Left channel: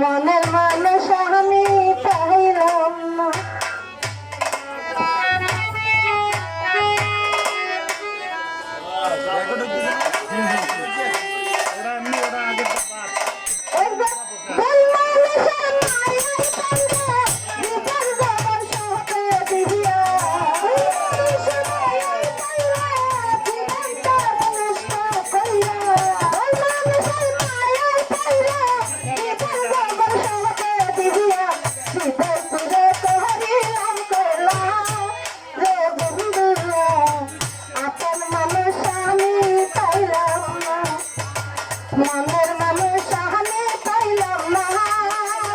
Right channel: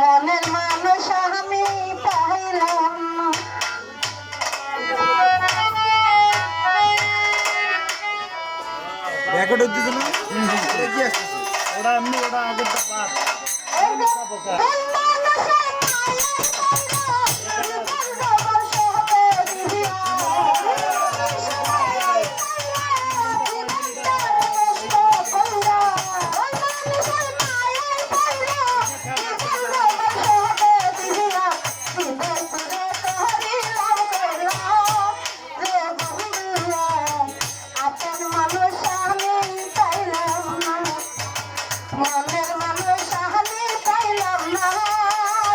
মনের মানুষ আমি পাইলাম না। ওরা এমনি ওটা আগের বাদ মনের মানুষ আমি পাইলাম না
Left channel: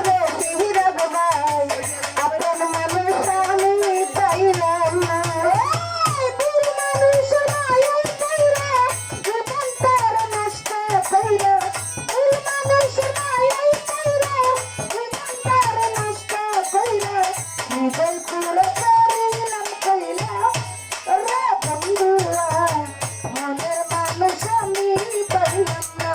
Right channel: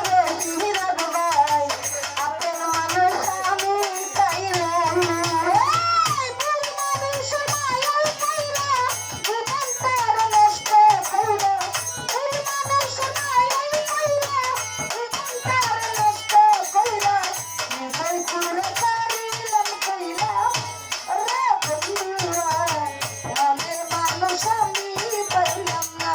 রে হিরক ভাই, আপন মানুষ আমি পাইলাম না। ভুল মানুষ মায়া কইরা জীবন তার নষ্ট কইরা, ভুল মানুষ মায়া কইরা জীবন তার নষ্ট কইরা, নিজের পুরে করিলাম কইলা রে বন্ধুরা, মনের মানুষ আমি পাইলাম না।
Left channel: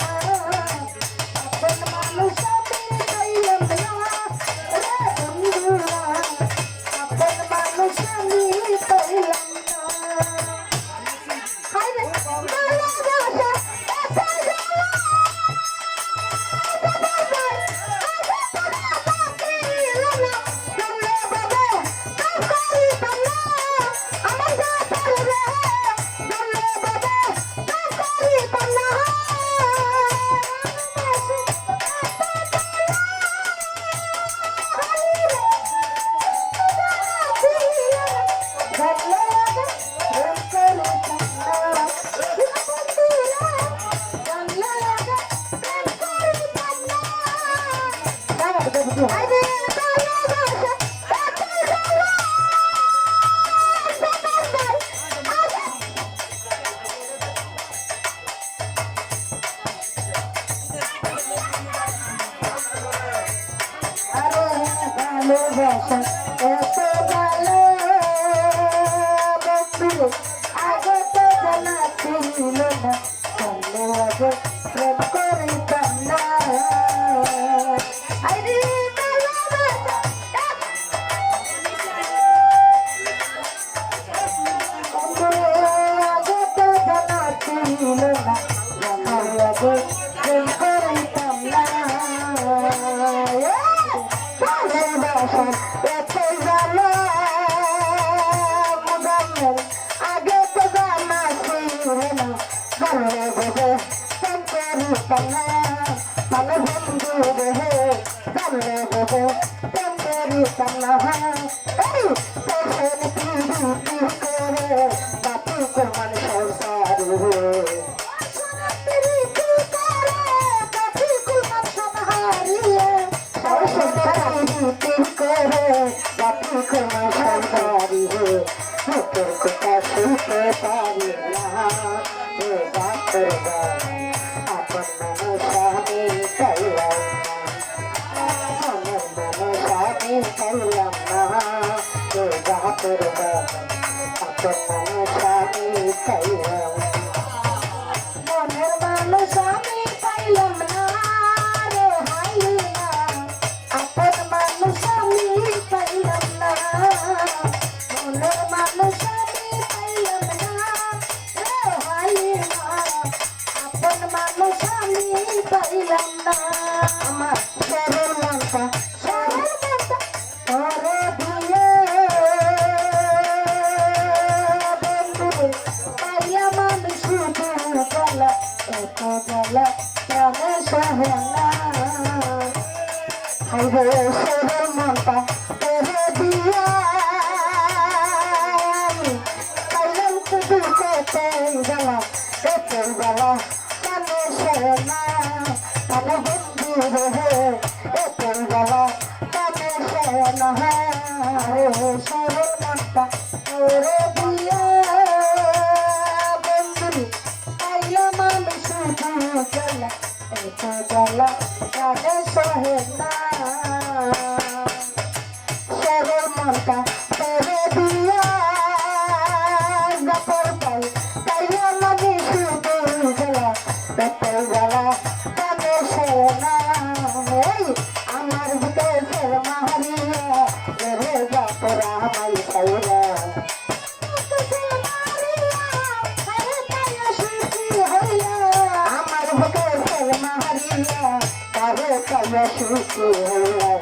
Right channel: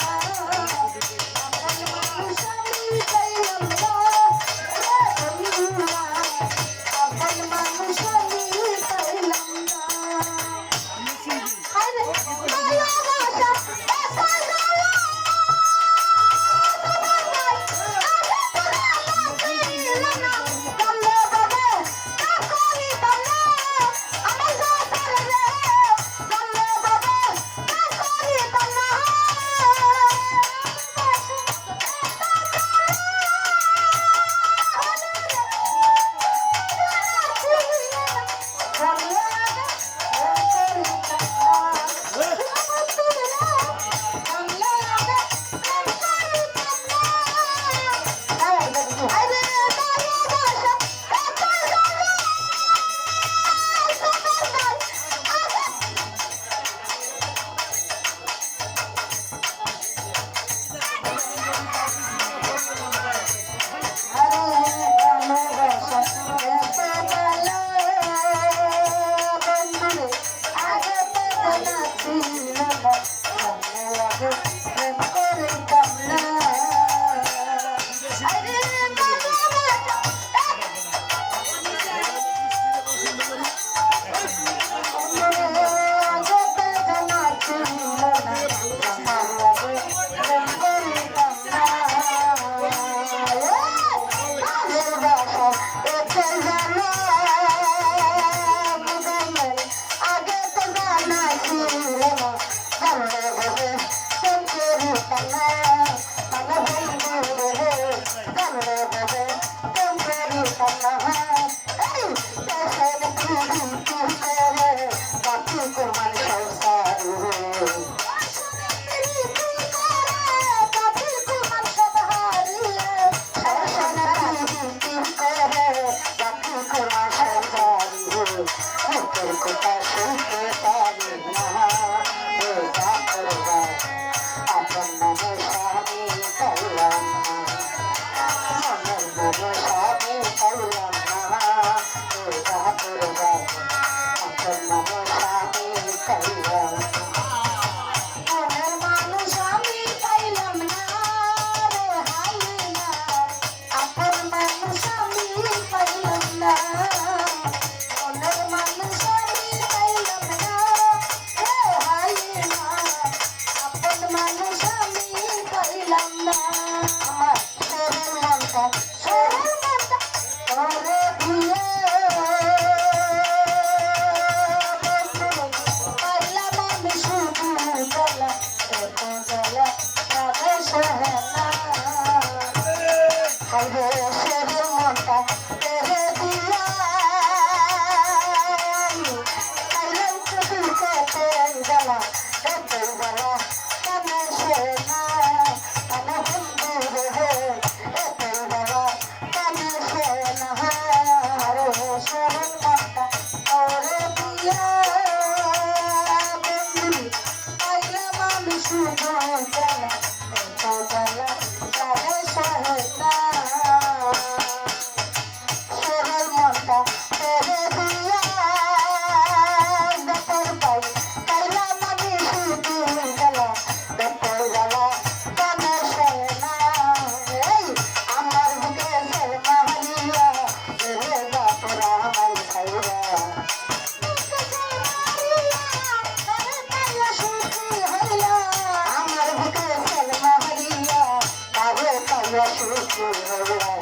পাইয়া সুখী হইলে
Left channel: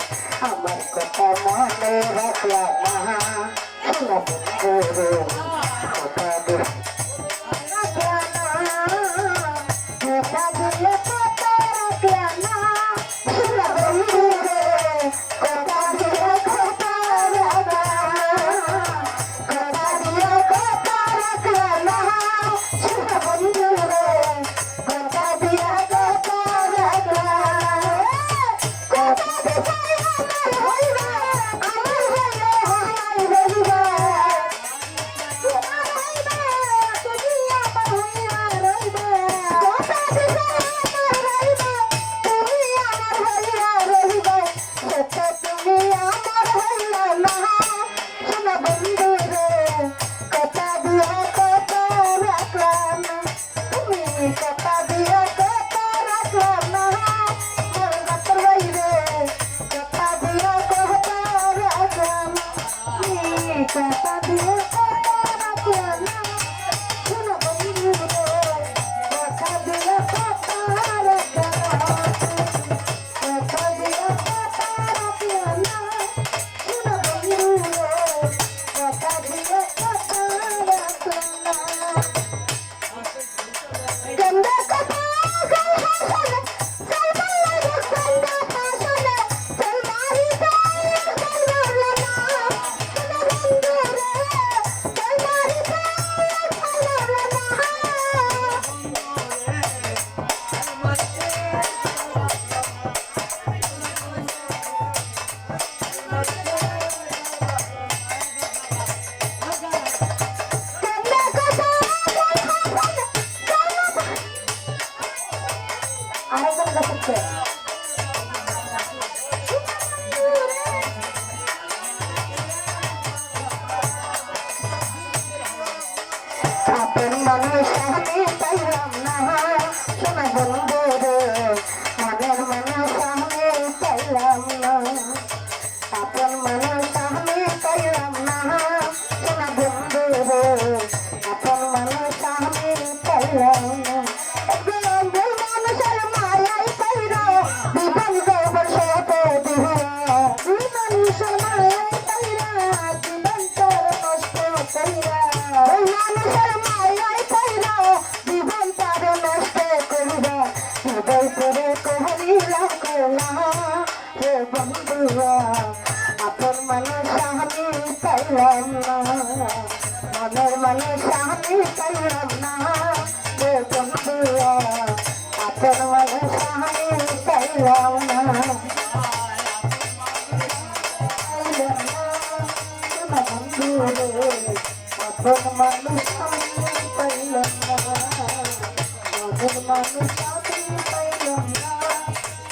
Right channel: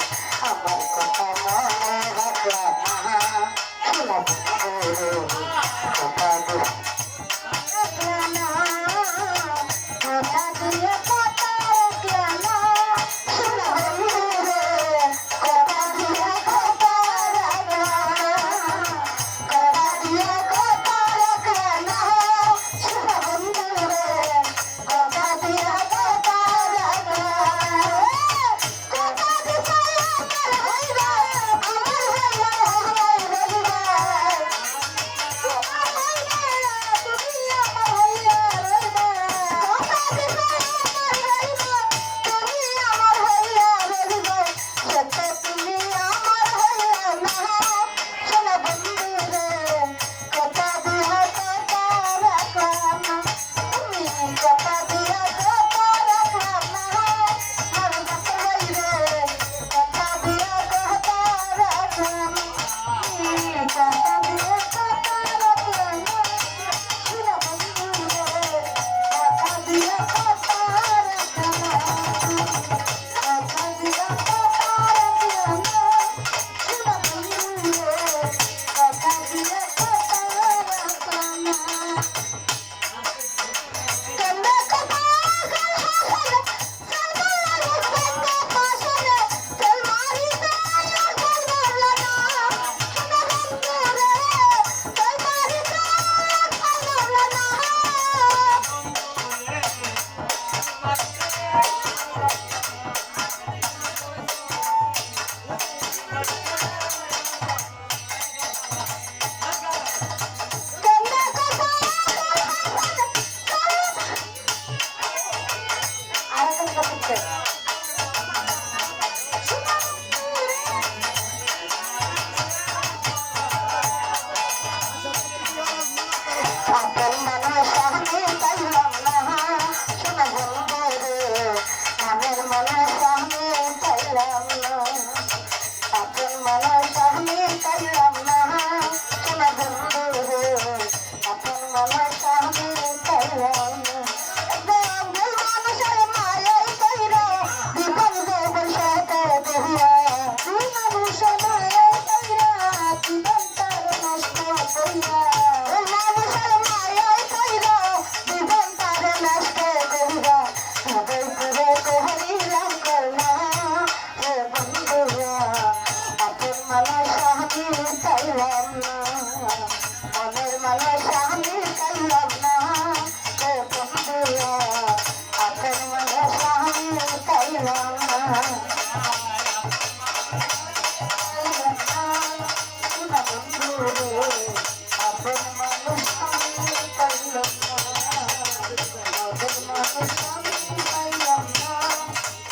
আমার কথা মনে রাখলা না শোনা বন্ধুরে কথা দিয়ে রাখলা না কথা দিয়ে কথা রাখলা না শোনা বন্ধুরে কথা দিয়ে কথা রাখলা না কথা দিয়ে কথা রাখলা না শোনা বন্ধুরে কথা দিয়ে কথা রাখলা কথা দিয়ে আমার হইবা আমার হইবা হাই রইবা তোমার হইবা তুমি আমার হইয়া রইবা কথা দিয়ে আমার হইবা তুমি আমার হইয়া রইবা সত্য তুমি আমার হইয়া না শোনা বন্ধুরে কথা দিয়া কথা রাখলাম না তুমি কথা দিয়া কথা রাখলাম না আমার ডাক্তার ভাই রে কথা দিয়া কথা রাখলাম তুমি কথা দিয়া কথা রাখলাম না শোনা বন্ধুরে কথা দিয়া কথা রাখলাম কথা দিয়া কথা রাখলাম না শোনা বন্ধুরে কথা দিয়া কথা রাখলাম না গঙ্গা কথা গঙ্গা চল বল্লা গঙ্গা পাশনে চল মারি দাল চল বল্লা শোনা বন্ধুরে চল মারি দাল চল বল্লা গঙ্গা কথা আরেকটা কথা হচ্ছে আপন মানুষ আমি পাইলাম না শোনা বন্ধুরে মনের মানুষ আমি পাইলাম না আপন মানুষ আমি পাইলাম না শোনা বন্ধুরে আপন মানুষ আমি পাইলাম না একদম দিল মানুষের মায়াই পাইরা জীবন দেবর সাথে দিহিয়া দিল মানুষের মায়াই পাইরা জীবন তার নষ্ট করিয়া দিল মানুষের মায়াই পাইরা জীবন তার নষ্ট করিয়া হৃদয় করে কোহরি রাখলা হে বন্ধুরা আপন মানুষ আমি পাইলাম না মনের মানুষ আমি পাইলাম না হে বন্ধুরা আপন মানুষ আমি পাইলাম না বন্ধুরে আপন মানুষ আমি পাইলাম না মনের মানুষ আমি পাইলাম না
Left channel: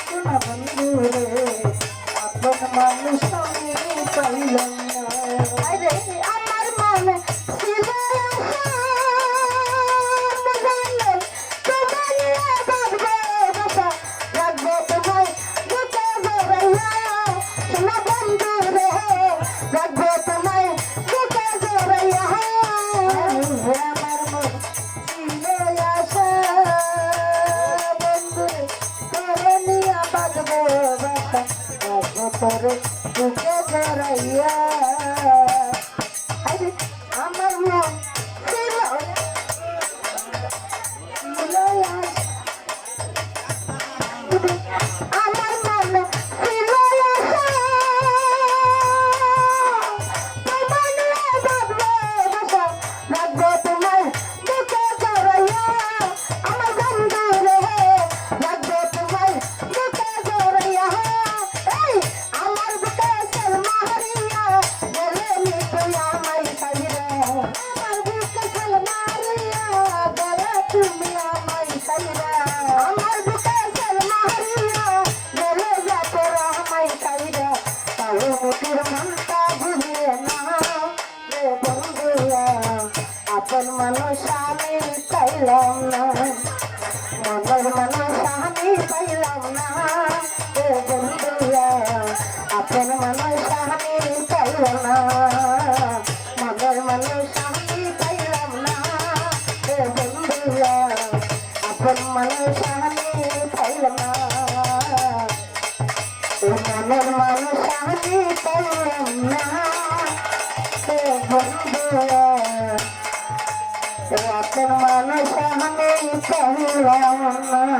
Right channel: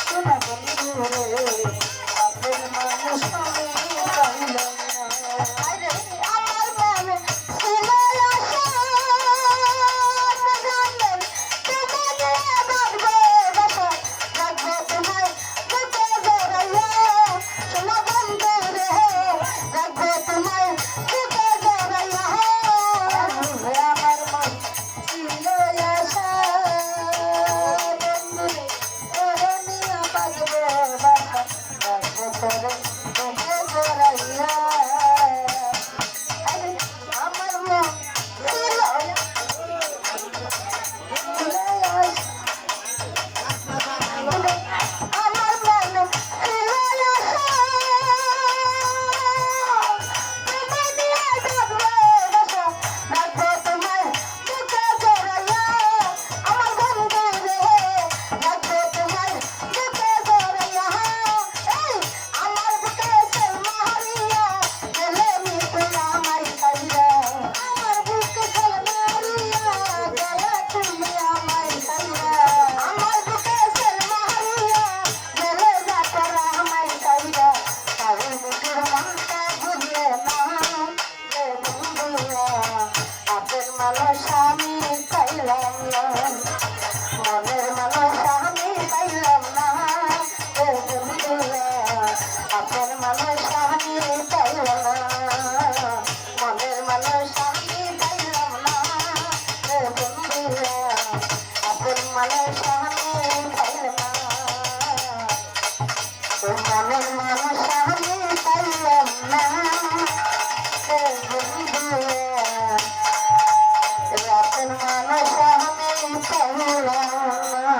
শোনা বন্ধুরে আপন মানুষ আমি পাইলাম না আরে আমার মনে ছিল আশা জানলে তোমায় বাঁধবে বাসা রাখবো তোমায় বুকে জড়াইয়া শোনা বন্ধুরে রাখবো তোমায় বুকে জড়াইয়া আমার মন ছিল আশা বন্ধুরে তোরে নিয়া বাঁধবো বাসা রাখবো তোরে বুকে জড়াইয়া আরে আমার মন ছিল আমার মনে ছিল আশা তোমায় নিয়ে বাঁধবো বাসা রাখবো তোমায় বুকে জড়াইয়া আমার বন্ধুরে রাখবো তোমায় বুকে জড়াইয়া এই আমার বুকে চল মারিয়া গেলে মিটে আমায় কাইরা আমার বুকে চল মারিয়া গেলে তুমি আমায় কাইরা আমার বুকে চল মারিয়া গেলে যাতে আমায় কাইরা তাহলে মুটির মনটা বুঝলে না রে বন্ধুরা আপন মানুষ আমি পাইলাম না মনের মানুষ আমি পাইলাম না রে বন্ধুরা আপন মানুষ আমি পাইলাম না মনের মানুষ আমি পাইলাম না রে বন্ধুরা আপন মানুষ আমি পাইলাম না এই মনের মানুষ আমি পাইলাম না ও বন্ধু এই আপন মানুষ আমি পাইলাম না